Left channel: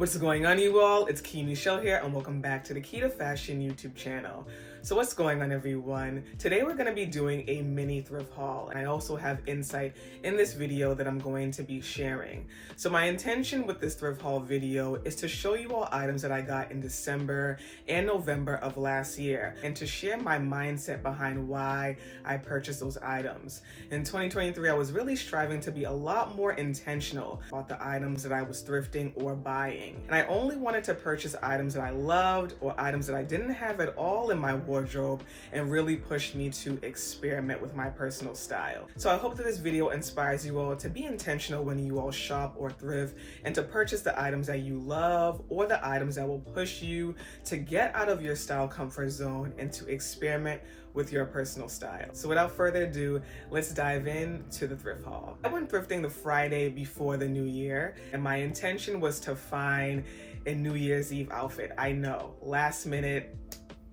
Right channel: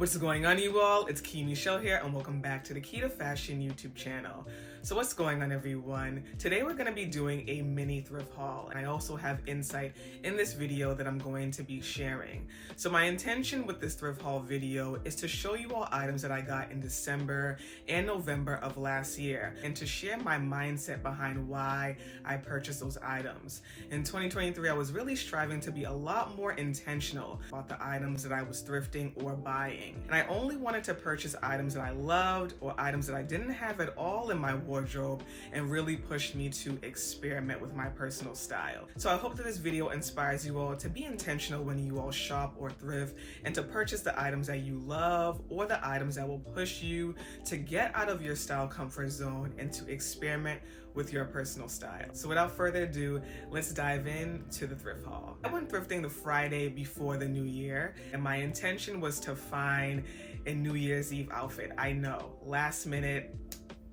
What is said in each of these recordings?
What's going on, you all? It's Michel here, and welcome back to the Key to Fashion YouTube channel. So what's going on, everyone? Today we're going to be doing a mini thrift haul, and I also have insight in this video that I'm going to be sharing. So my intention with this thrift haul video is to show you all items that I got in December and November of last year, and to share my mindset behind why I purchased those items. In 2023, I was really striving to be a lot more intentional about the items that I was thrifting or buying. And I only wanted to purchase items that I loved or items that I didn't have at all in my wardrobe, and really pushed me to experiment with my personal style. So I hope that this video inspires you all to be intentional when you all shop or thrift, and to purchase the items that you love or the items that will push you to get out of your style comfort zone and to experiment with your personal style. So without further ado, let's dive into the thrift haul. I went thrifting the Friday before the new year, and my intention was to find a New Year's Eve outfit. I know, last minute,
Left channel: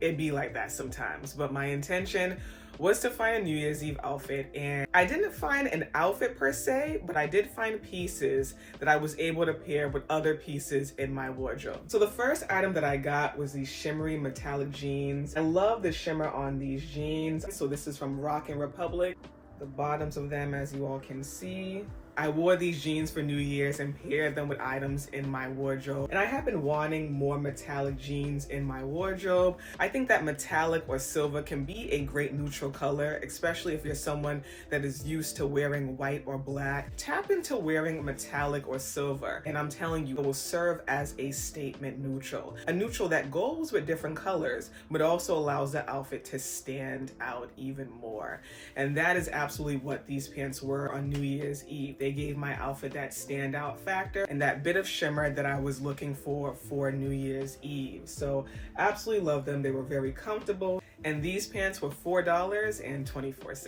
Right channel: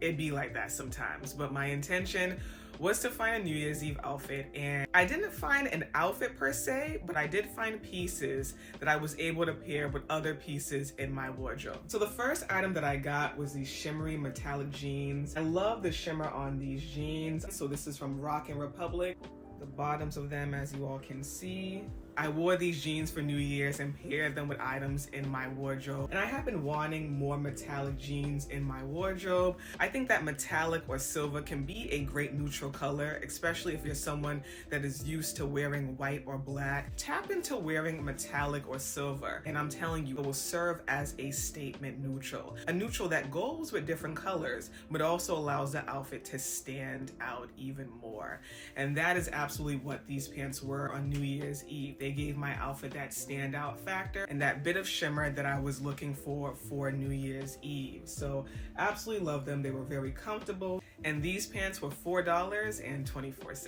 it'd be like that sometimes, but my intention was to find a New Year's Eve outfit, and I didn't find an outfit per se, but I did find pieces that I was able to pair with other pieces in my wardrobe. So the first item that I got was these shimmery metallic jeans. I love the shimmer on these jeans. So this is from Rockin' Republic. The bottoms of them, as you all can see. I wore these jeans for New Year's and paired them with items in my wardrobe. And I have been wanting more metallic jeans in my wardrobe. I think that metallic or silver can be a great neutral color, especially if you're someone that is used to wearing white or black. Tap into wearing metallic or silver, and I'm telling you, it will serve as a statement neutral. A neutral that goes with different colors, but also allows the outfit to stand out even more. And that is absolutely what these pants were on New Year's Eve. They gave my outfit that standout factor and that bit of shimmer that I was looking for New Year's Eve. So absolutely love them. They were very comfortable, and these pants were $4.24.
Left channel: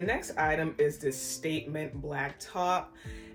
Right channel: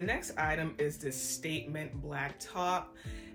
The next item is this statement black top.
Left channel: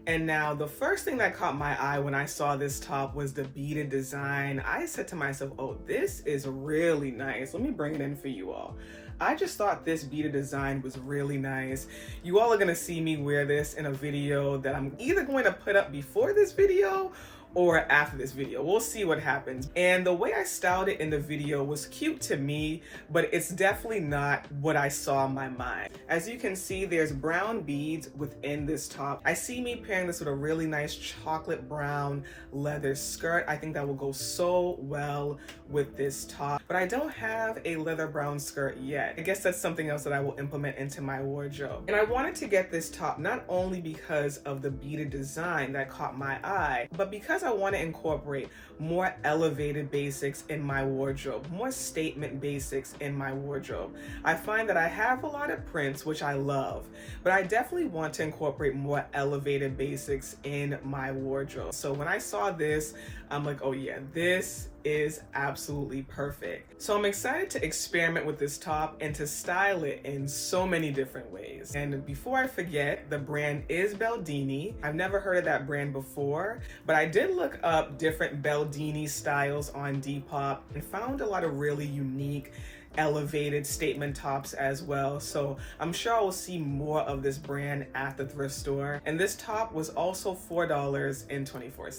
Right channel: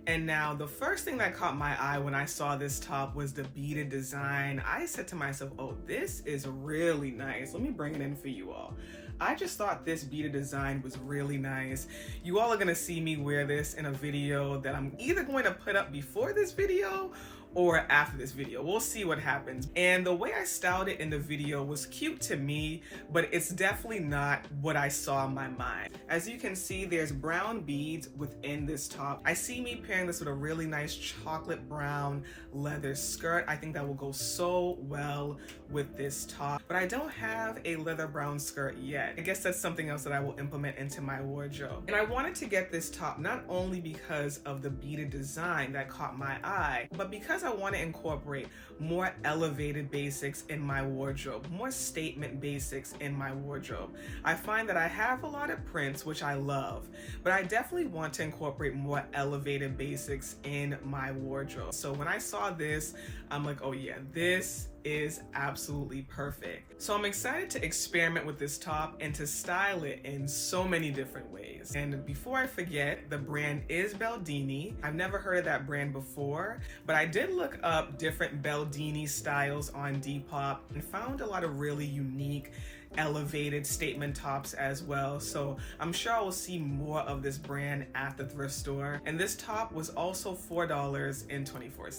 And now the first thing that caught my eye when I saw this top was the beaded design. I said to myself, oh, this is really nice. Let me bring it in for you all. I just thought this beaded design was really nice. You all are gonna see me wear this in a video that I'm either going to put up before this video or after this video. We'll see what happens. And the way I styled it in the video was cute to me, but it's definitely not what I saw in my mind. As you can see, there's brown beads within this top. I see me pairing this with a really nice chocolate brown leather skirt. I think that will go so well with this top, but I don't have a leather brown skirt yet. I guess that's something else that I will implement into my wardrobe. And I wanted to get this top not only because of the beaded design that caught my eye, but because I want to incorporate more elevated basics in my wardrobe, more statement basics in my wardrobe. I find that I have a lot of prints, which I love, but I definitely want to incorporate more elevated basics in my wardrobe. So when I saw this, I'm like, oh yeah, this is absolutely perfect. So I'm excited to experiment with this top and to style it in so many different ways. And before I forget, the brand is Baldini. I've never heard of that brand before, but I did look up different Baldini styles on Depop and found a lot of really unique elevated statement tops as well. So I'm sure I will see more of this brand at the thrift store. And this top was also $4.24.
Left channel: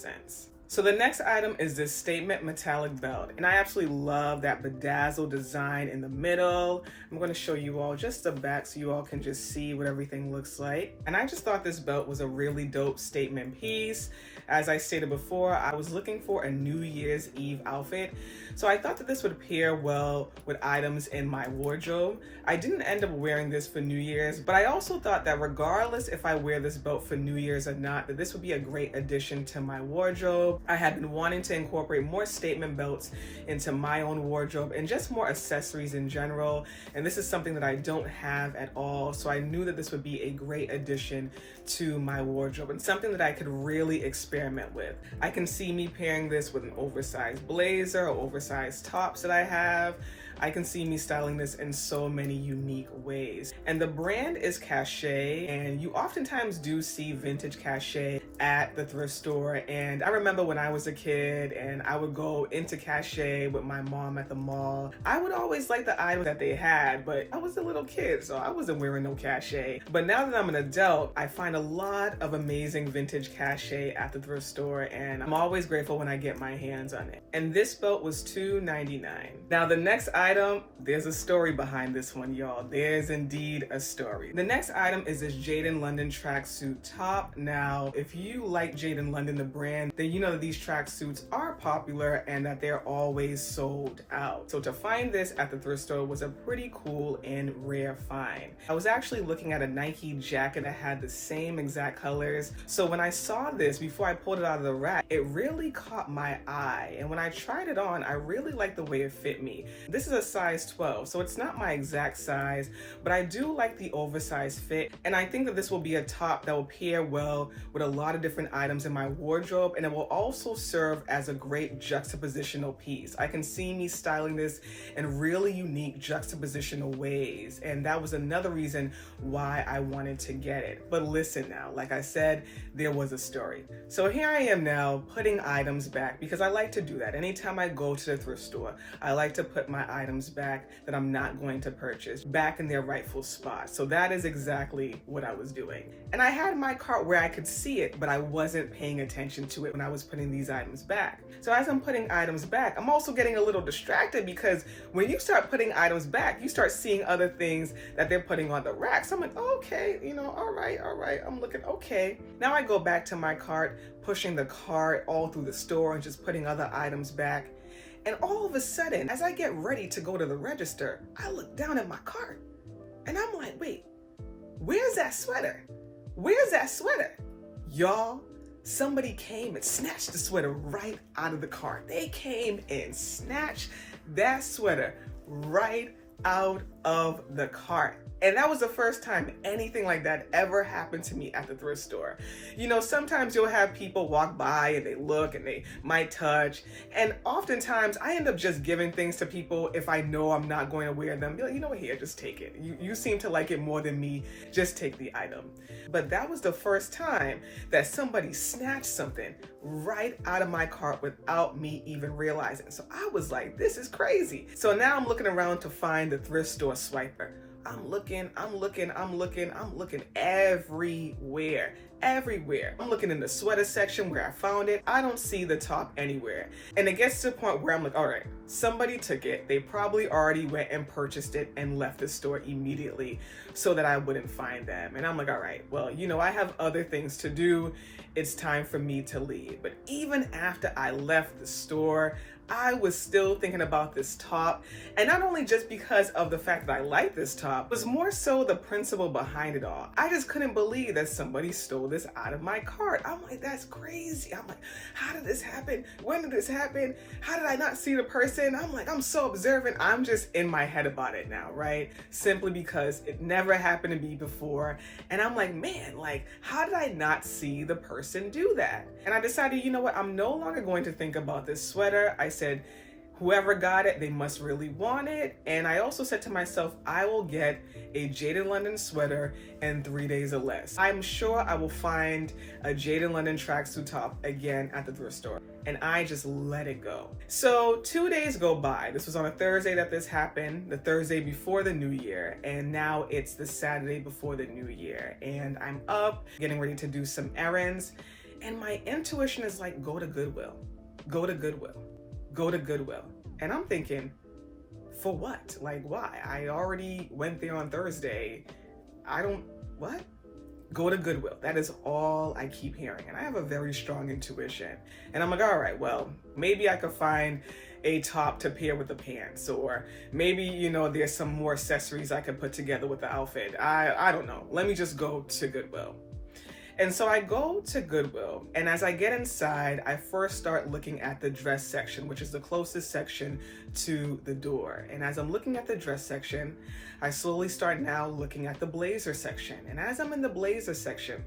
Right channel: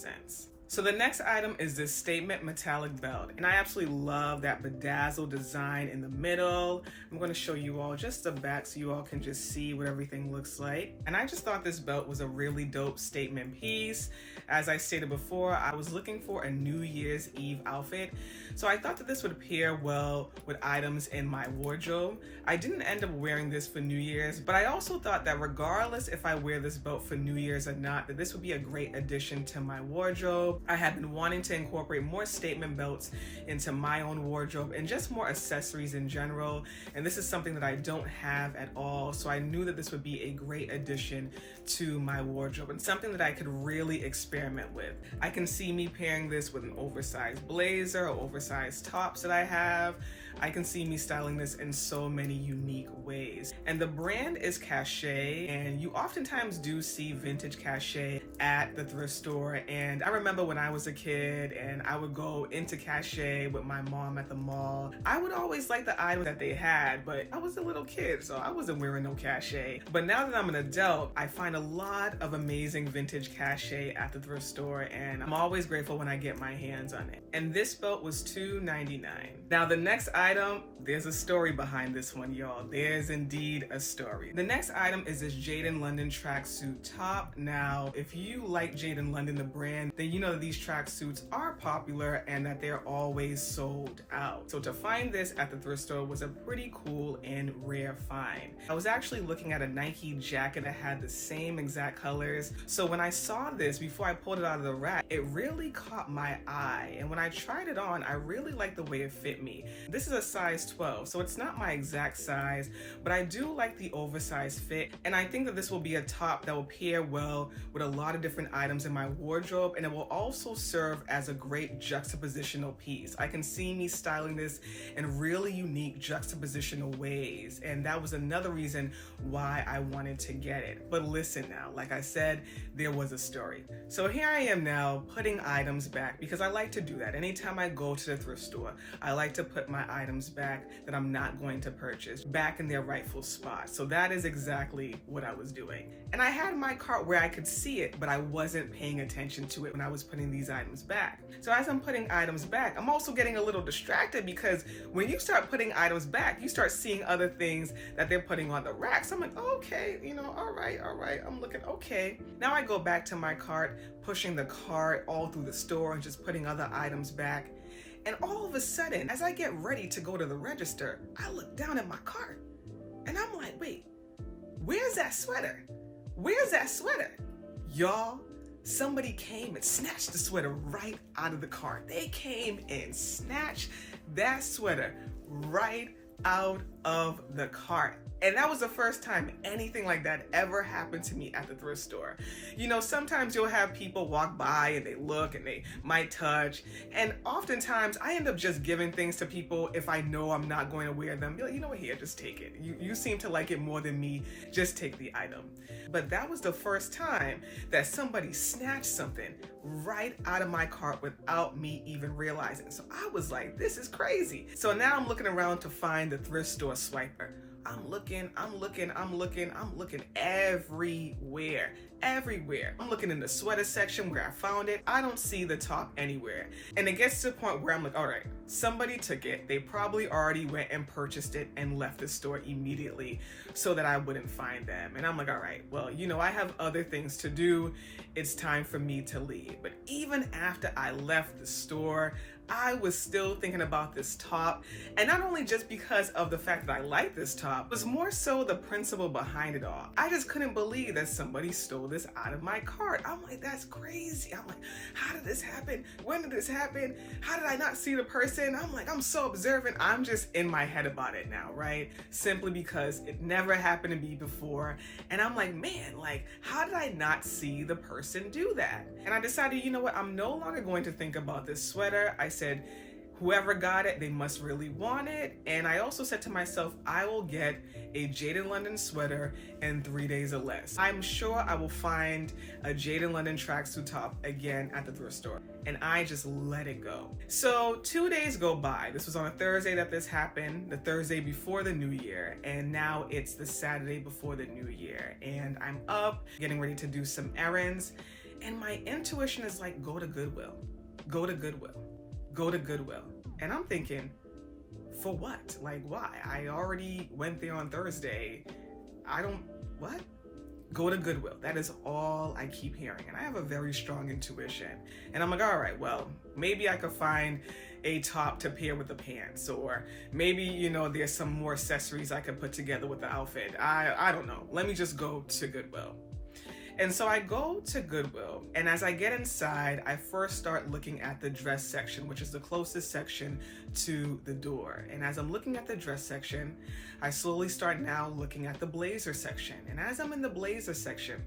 So the next item is this statement metallic belt, and I absolutely love that bedazzled design in the middle. I'm going to show you all just the back so you all can just see what everything looks like. And I just thought this belt was a really dope statement piece. As I stated before, I was looking for a New Year's Eve outfit, so I thought that this would pair well with items in my wardrobe. I didn't end up wearing this for New Year's, but I also thought that regardless if I wear this belt for New Year's or not, that this would be a great addition to my wardrobe. I had been wanting to incorporate more statement belts into my own wardrobe and just more accessories in general, and this is something that I don't have at all, so I knew that this would be a great addition to my wardrobe and something that I could really experiment with. I can see me pairing this with an oversized blazer or oversized tops that I have. I can see me styling this in so many unique ways. And the brand is Cachet, and you oftentimes do see vintage Cachet at the thrift store. And I remember when I was a kid and I would go into Cachet with my mom at the mall, I would always like the items that they had, but I was a little kid, so I wasn't wearing no Cachet. But now that I'm an adult, I find a lot of amazing vintage Cachet at the thrift store, and I'm always grateful when I get my hands on it. And this belt was $2.99. Now the next item, there's a story behind this one, y'all. There's indeed a story. The next item is this Jaden London tracksuit top. Now, if you like Jaden London, the brand, then you know that these tracksuits are popular and that they're always sold out. So to find this at the thrift store was a pretty cool and rare find. I was actually looking at a Nike jacket that had the same exact colors. So when I saw this, before I pulled it out of the rack, it really caught my eye. And when I tried it on, I really liked the way it fit me. This is a size 12, so it's not my exact size, but I do like the oversized fit. And I think that this will be a top that will pair well with a lot of different items in my wardrobe, and it will also serve as a great juxtapositional piece. I can see me styling this in really unique juxtapositional ways, and that was another reason why I wanted to get it. But listen now, like I said, there was a story. So here I am now putting items back, because I like to do that. Anytime I go to the thrift store, I like to put my items back that I'm not going to purchase back in their rightful spot. So that is exactly what I was doing. And I had my cart where I could see it, but I wasn't paying attention to it when I was putting these items back. So as I'm putting items back, I'm also getting a little distracted, because when you start putting items back, you start seeing other things that they're putting on the racks. I'm like, okay, all right. I'm looking, okay. Now I go back to my cart, pushing the cart all through the store and just putting other items back. And all of a sudden, as I get ready to go to the register, I look down at my cart and I'm like, wait, where's that sweater? Where's that sweater? Y'all, somebody came and snatched the sweater right out of the cart. They came and snatched that sweater right out of the cart. And that was the first time anything like that ever happened to me at the thrift store. Sometimes you'll have people walk by and they look and they might touch. And oftentimes I end up just giving things to people if I know I'm not going to wear them. Be like, you know what, here, just take it. You seem to like it more than me. Just take the item. But that was the first time that somebody snatched something right out of my cart without me even realizing. So I was like, this is crazy. So now I'm looking around to find the thrift store swiper. I'm looking everywhere. I'm looking in the sweater section where I found it. I don't see the top anywhere. And it gets to the point where I'm like, all right, somebody took it. They probably already went and purchased it and left the store immediately so that I wouldn't find them. And I'm like, all right, well, I have other things to do. It's time for me to leave. But even after I left the store, I was still thinking about this top, and not only just because of the fact that I like this top, it was more so the principle behind it all. I just couldn't believe that somebody stole this out of my cart. I'm like, that's crazy. I'm like, how did this happen? When did this happen? How did I not see the person? I'm like, I'm so observant. I'm just in my head about it now, right? Simply because it never happened to me before. And I'm like, man, how did I not see the person do that? And I decided, you know what? I'm no longer going to think about this sweater. I said, whoever got it, they must really want it. And I also said to myself, I will get a Jaden London sweater in 3 days or less. I'm sure I will find a Jaden London tracksuit top again at the thrift store. And I just let it go. So 2 days go by. This was on a Thursday that this happened, the Thursday before the new year. And now it's the Saturday before the new year. And I'm up, getting ready to do some errands. And my intuition is like, go to Goodwill. Go to Goodwill. Go to Goodwill. And I'm thinking, for what? Why? I already went there on Thursday. What? Go to Goodwill. That is all I keep hearing. And I have a very strong intuition. And I'm like, all right, well, maybe I could find a top to pair with the pants, or maybe, there's some more accessories I could put together with the outfit. I don't know. Let me just go to Goodwill. And so I go to Goodwill, and as I get inside, I first start looking at the dress section, which is the closest section to the door. And as I'm looking at the dress section, I slowly start now looking at the blazer section. And as I'm in the blazer section,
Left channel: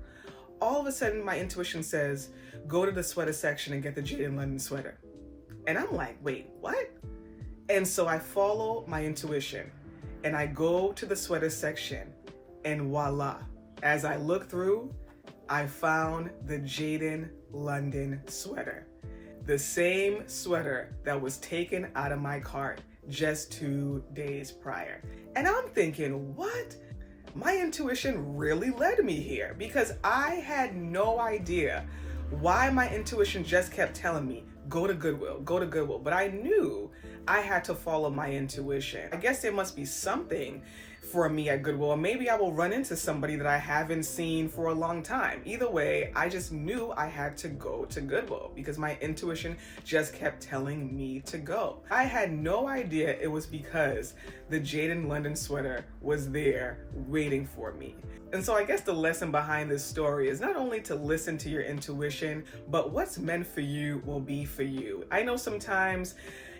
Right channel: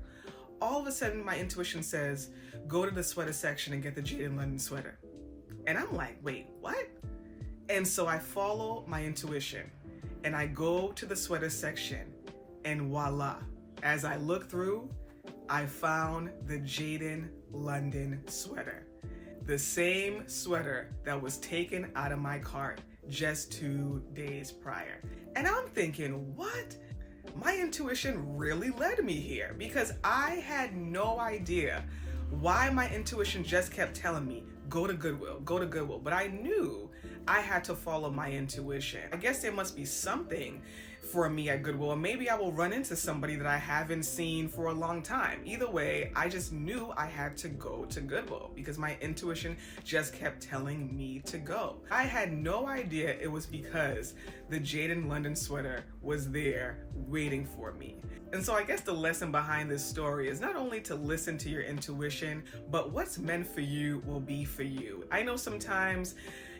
all of a sudden my intuition says, go to the sweater section and get the Jaden London sweater. And I'm like, wait, what? And so I follow my intuition and I go to the sweater section, and voila, as I look through, I found the Jaden London sweater. The same sweater that was taken out of my cart just 2 days prior. And I'm thinking, what? My intuition really led me here, because I had no idea why my intuition just kept telling me, go to Goodwill, go to Goodwill. But I knew I had to follow my intuition. I guess there must be something for me at Goodwill, or maybe I will run into somebody that I haven't seen for a long time. Either way, I just knew I had to go to Goodwill because my intuition just kept telling me to go. I had no idea it was because the Jaden London sweater was there waiting for me. And so I guess the lesson behind this story is not only to listen to your intuition, but what's meant for you will be for you. I know sometimes,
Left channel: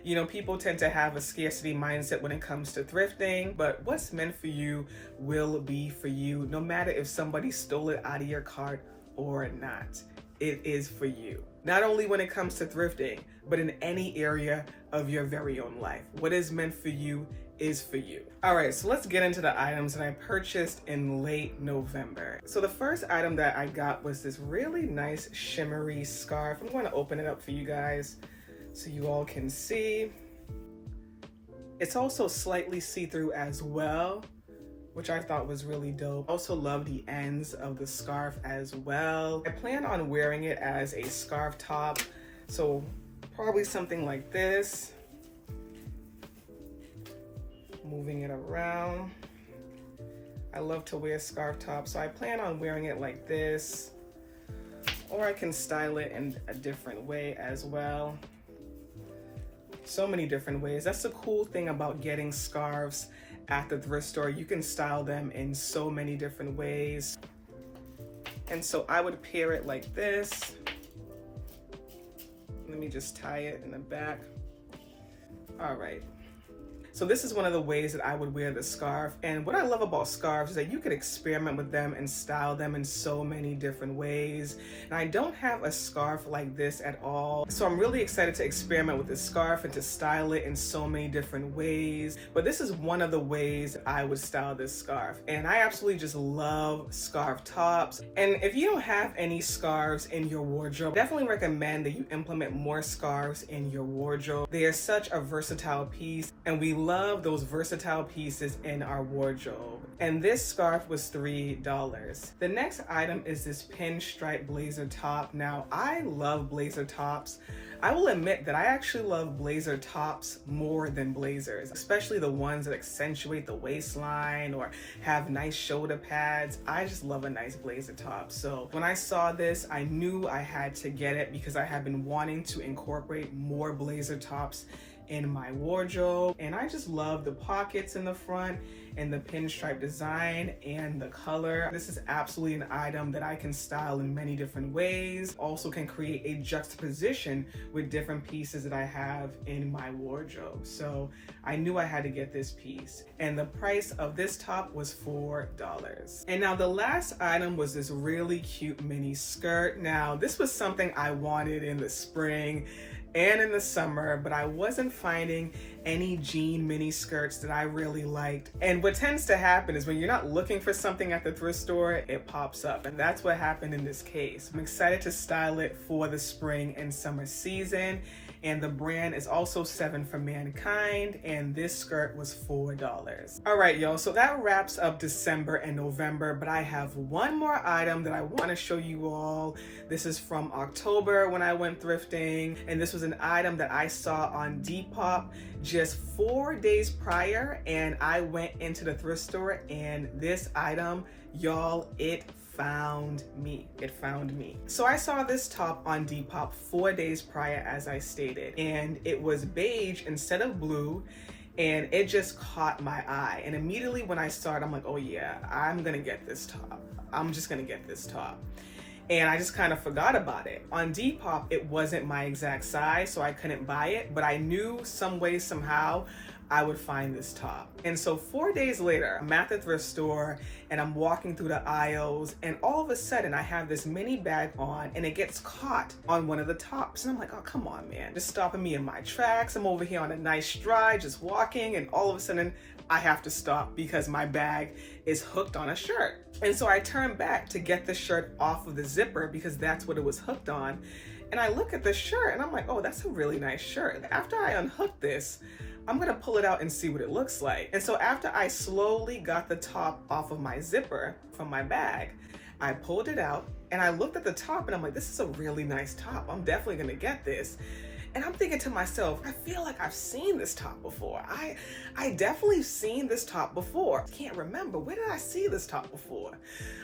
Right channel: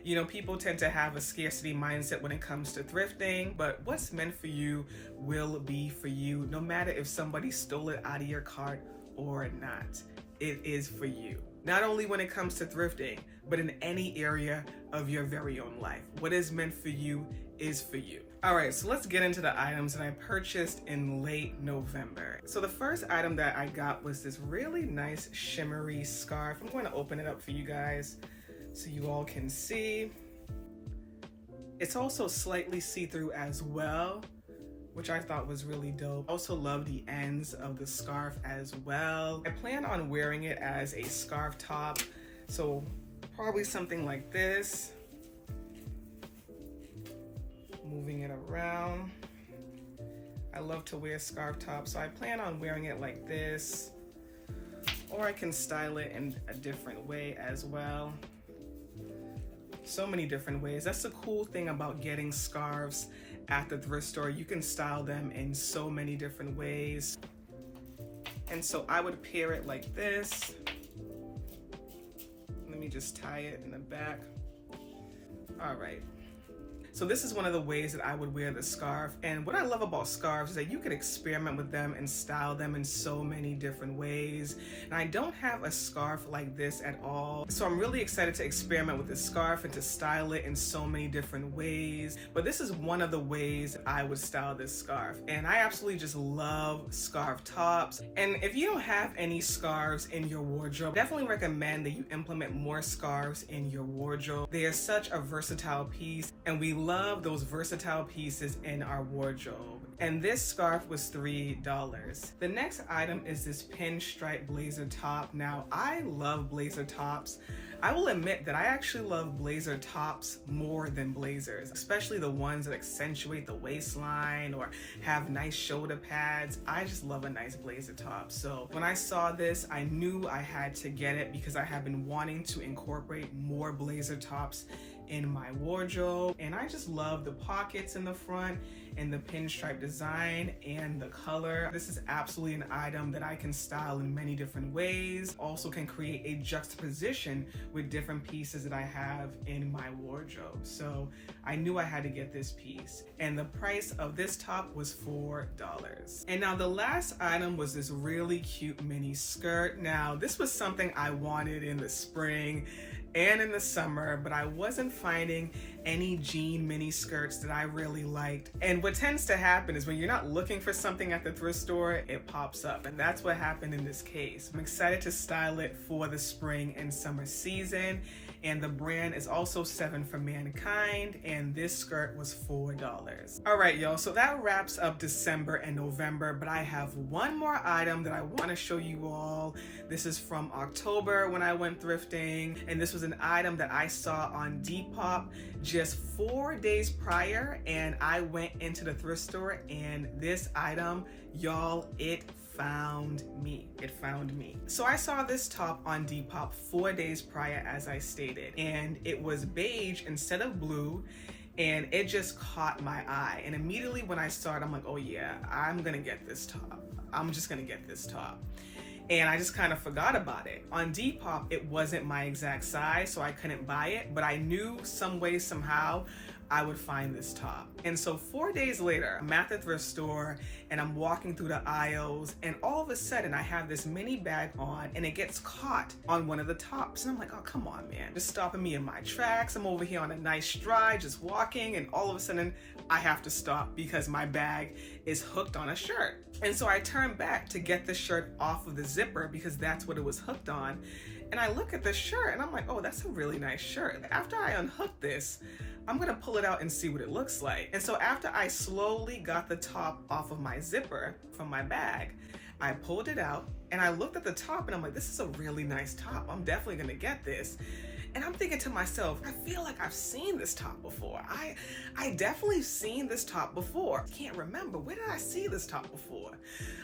you know, people tend to have a scarcity mindset when it comes to thrifting, but what's meant for you will be for you, no matter if somebody stole it out of your cart or not. It is for you. Not only when it comes to thrifting, but in any area of your very own life. What is meant for you is for you. All right, so let's get into the items that I purchased in late November. So the first item that I got was this really nice shimmery scarf. I'm going to open it up for you guys so you all can see. It's also slightly see-through as well, which I thought was really dope. I also love the ends of the scarf as well. I plan on wearing it as a scarf top, so probably something like this. Moving it around. I love to wear scarf tops, so I plan on wearing it like this, or I can style it in a different way as well. So many different ways. That's the cool thing about getting scarves at the thrift store. You can style them in so many different ways. And so I would pair it like this. Let me just tie it in the back. All right. So this is one of the ways that I would wear the scarf. And what I love about scarves is that you can experiment with them and style them in so many different ways. And I don't have a scarf like this at all. So I'm really excited to experiment with this scarf and to style it in so many different ways. But this is one of the ways that I would style this scarf. And I absolutely just love scarf tops. And if you don't have any scarves in your wardrobe, definitely recommend that you implement more scarves in your wardrobe. They are such a versatile piece, and we love those versatile pieces in our wardrobe. And this scarf was $3. The next item is this pinstripe blazer top. Now, I love blazer tops. I will admit that I actually love blazer tops more than blazers, especially the ones that accentuate the waistline or have nice shoulder pads. I just love a nice blazer top. So when I saw this, I knew I had to get it because I have been wanting to incorporate more blazer tops in my wardrobe, and I just love the pockets in the front and the pinstripe design and the color. This is absolutely an item that I can style in many different ways. Also can create a juxtaposition with different pieces that I have in my wardrobe. So I knew I had to get this piece. And the price of this top was $4. And now the last item was this really cute mini skirt. Now this was something I wanted in the spring and in the summer, but I wasn't finding any jean mini skirts that I really liked. And what tends to happen is when you're not looking for something at the thrift store, it pops up. And that's what happened in this case. I'm excited to style it for the spring and summer season. And the brand is also 7 for Mankind, and this skirt was $4. All right, y'all, so that wraps up December and November, but I have one more item that I want to show you all. This is from October when I went thrifting, and this was an item that I saw on Depop just 4 days prior, and I went into the thrift store, and this item, y'all, it found me. It found me. So I saw this top on Depop 4 days prior, as I stated, and it was beige instead of blue, and it just caught my eye. And immediately when I saw it, I'm like, oh yeah, I'm gonna get this top. I'm just gonna get this top. and I just kind of forgot about it. On Depop, it wasn't my exact size, so I couldn't buy it, but I knew some way, somehow, I would find this top. And so 4 days later, I'm at the thrift store and I'm walking through the aisles, and all of a sudden I have this mini bag on and it gets caught on one of the tops. And I'm like, oh, come on, man, just stopping me in my tracks. I'm over here on a nice stride, just walking, and all of a sudden I have to stop because my bag is hooked on a shirt. And so I turn back to get the shirt off of the zipper because that's what it was hooked on. And I look at the shirt and I'm like, oh, that's a really nice shirt. After I unhook this, I'm gonna pull it out and see what it looks like. And so after I slowly got the top off of my zipper from my bag, I pulled it out and I looked at the top and I'm like, this is a really nice top. I'm definitely gonna get this. And I'm thinking to myself, I feel like I've seen this top before. I definitely seen this top before. I can't remember, where did I see this top before?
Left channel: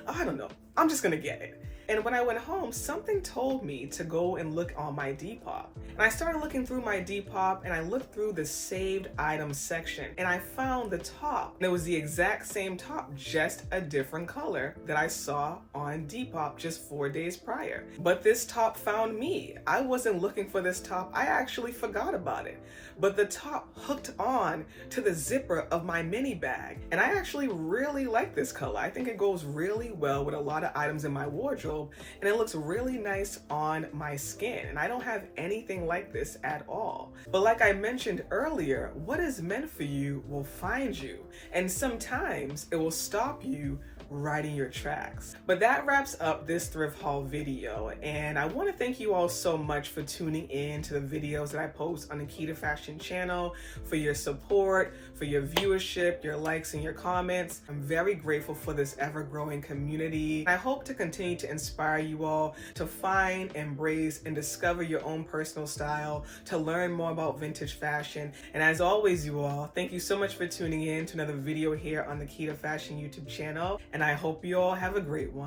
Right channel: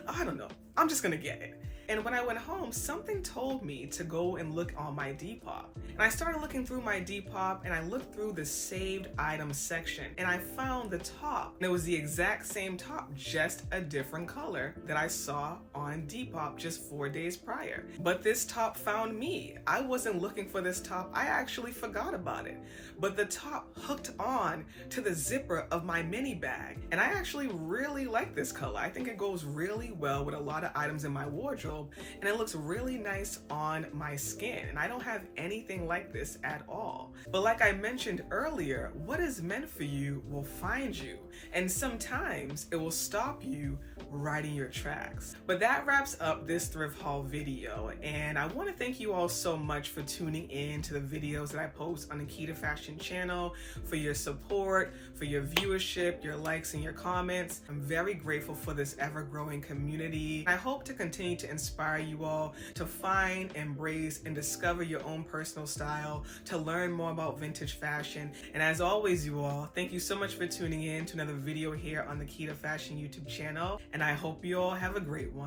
I don't know, I'm just gonna get it. And when I went home, something told me to go and look on my Depop. And I started looking through my Depop and I looked through the saved items section and I found the top. And it was the exact same top, just a different color that I saw on Depop just 4 days prior. But this top found me. I wasn't looking for this top. I actually forgot about it. But the top hooked on to the zipper of my mini bag. And I actually really like this color. I think it goes really well with a lot of items in my wardrobe, and it looks really nice on my skin. And I don't have anything like this at all. But like I mentioned earlier, what is meant for you will find you. And sometimes it will stop you right in your tracks. But that wraps up this thrift haul video, and I want to thank you all so much for tuning in to the videos that I post on the Key to Fashion channel, for your support, for your viewership, your likes, and your comments. I'm very grateful for this ever-growing community. I hope to continue to inspire you all to find, embrace, and discover your own personal style, to learn more about vintage fashion. And as always, you all, thank you so much for tuning in to another video here on the Key to Fashion YouTube channel, and I hope you all have a great one.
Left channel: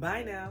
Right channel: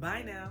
Bye now.